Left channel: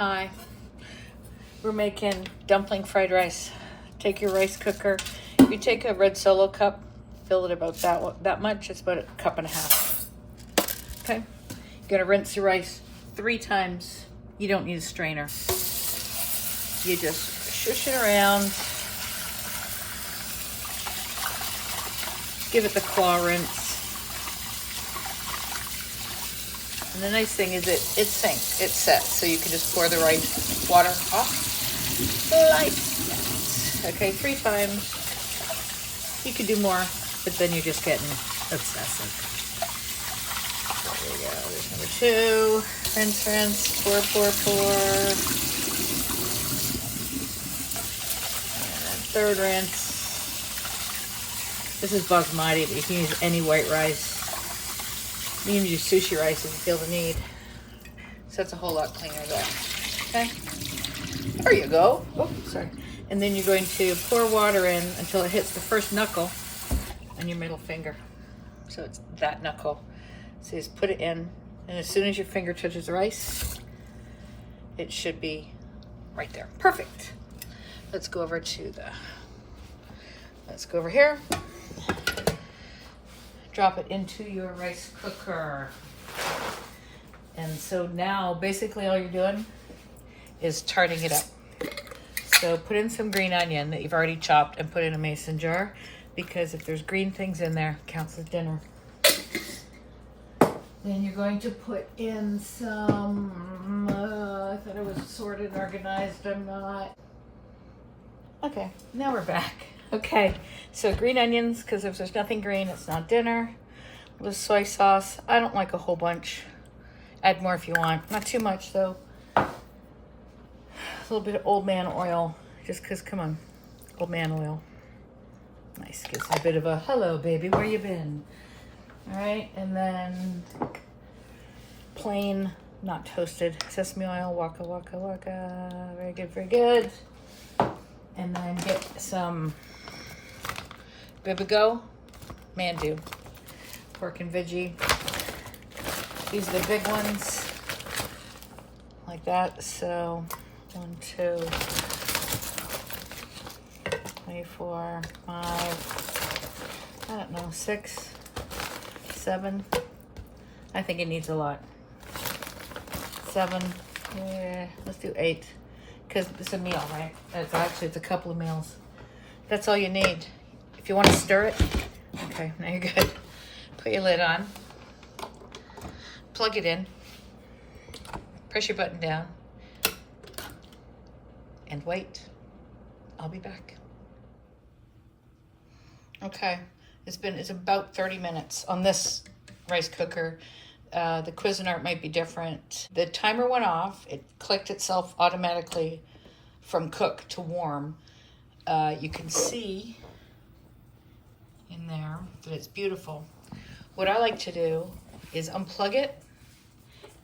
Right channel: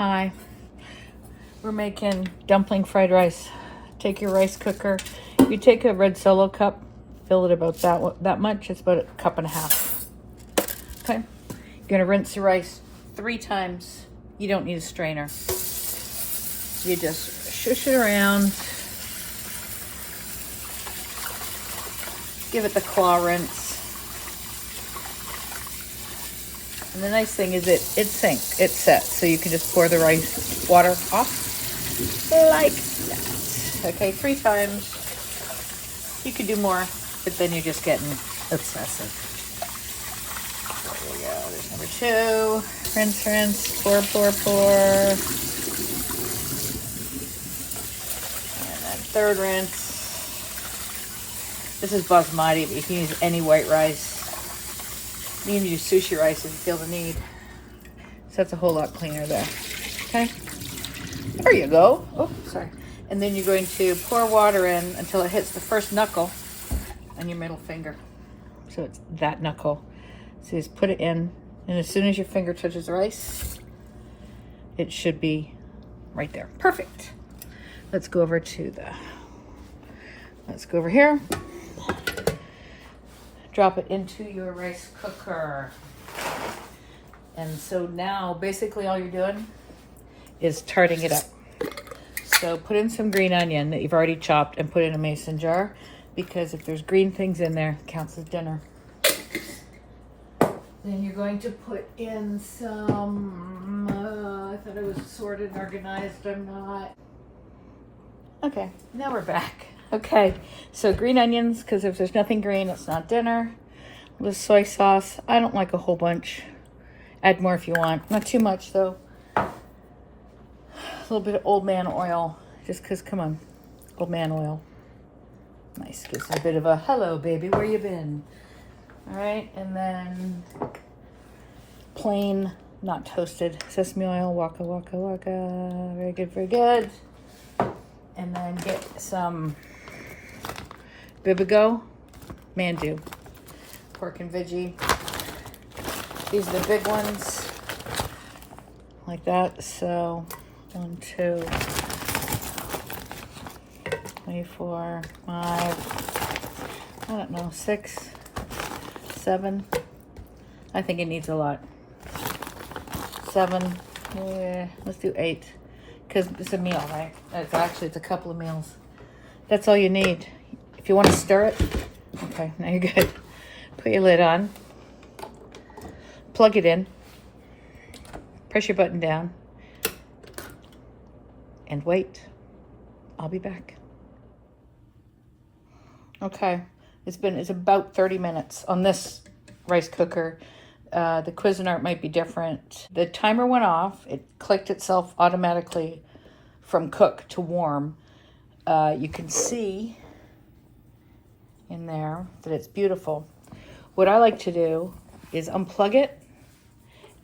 Hi, we're making dumpling fried rice. Take your rice cooker. You take a red Solo cup, fill it about that much. It's about a cup and a half. Okay, you're gonna rinse the rice 3 times. You don't need a strainer. You just shush it around. Give it the claw rinse. And the nice thing is it's synced, it's set, so you can just pour the rice water off like this. Okay, 3 times. You could do more, but then you're just getting obsessive. There we go, there's number 2. Rinse, rinse, pour, pour, pour. And then 3rd rinse. This is basmati, but you can use any white rice. You can use sushi rice if you feel the need. So that's a whole lot cleaner though. Okay. There you go. Oh, sorry. And then you're going to pour water in until it hits the first knuckle on your middle finger. So it's that knuckle. So you just put it in, and as soon as your finger touches the rice, it should be right there. Perfect. Let's go over here. Drop it into your rice cooker. And so now basically all you're doing is tarting it up. So put in some green onion that you've already chopped and put in a mason jar, because if there's green things in there, it counts as dinner. Then you're going to put in some, I thought it was sorted and organized, I'm not. Okay, now we're back. Okay, so green onions, because if there's nothing green, it's not dinner. A little soy sauce. I don't like a whole bunch. Add more if you want. Not too much, though. A little bit of old man oil, just because, come on, old man oil. Nice, gives a bit of a, hello, baby, where you been? All right, and then plain, not toasted, sesame oil, waka, waka, waka. Very good, very good. And then get some Bibigo, Mandu, pork and veggie. These are the big ones, like that. So 1, 2, 3, 4, 5, I don't know, 6, 7. I think it needs a lot. 7, yeah, let's do 8. Because it's a meal, right? It's a couple of meals. That's all you need. If you want to stir it, okay, now you're good. Put your lid on. Plug it in. Press your button down. And wait. I'll be back. Okay, it's about 30 minutes on this rice cooker. The Cuisinart might be different. The timer went off. It clicked itself automatically from cook to warm. You can see in there that it's beautiful. What I like to do is unplug it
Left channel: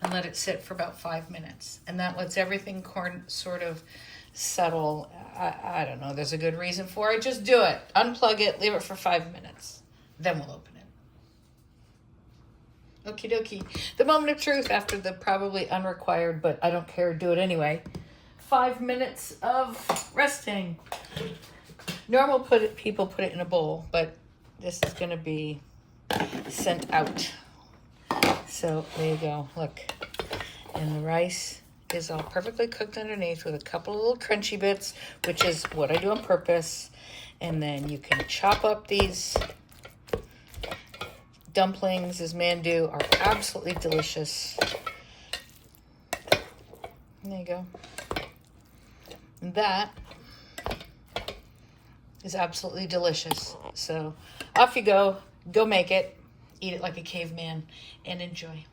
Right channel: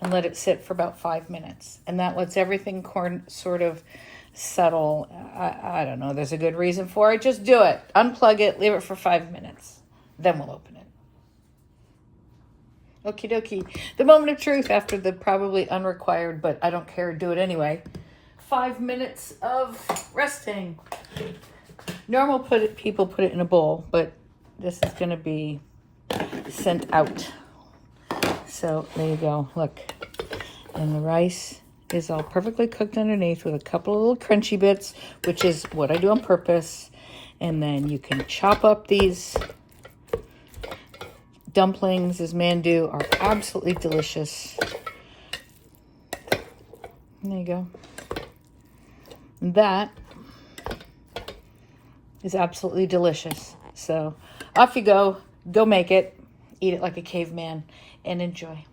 and let it sit for about 5 minutes. And that lets everything sort of settle. I don't know, there's a good reason for it. Just do it. Unplug it, leave it for 5 minutes. Then we'll open it. Okie dokie. The moment of truth after the probably unrequired, but I don't care, do it anyway. 5 minutes of resting. Normal people put it in a bowl, but this is going to be sent out. So there you go. Look. And the rice is all perfectly cooked underneath with a couple of little crunchy bits, which is what I do on purpose. And then you can chop up these dumplings, as Mandu, are absolutely delicious. There you go. And that is absolutely delicious. So off you go. Go make it. Eat it like a caveman and enjoy.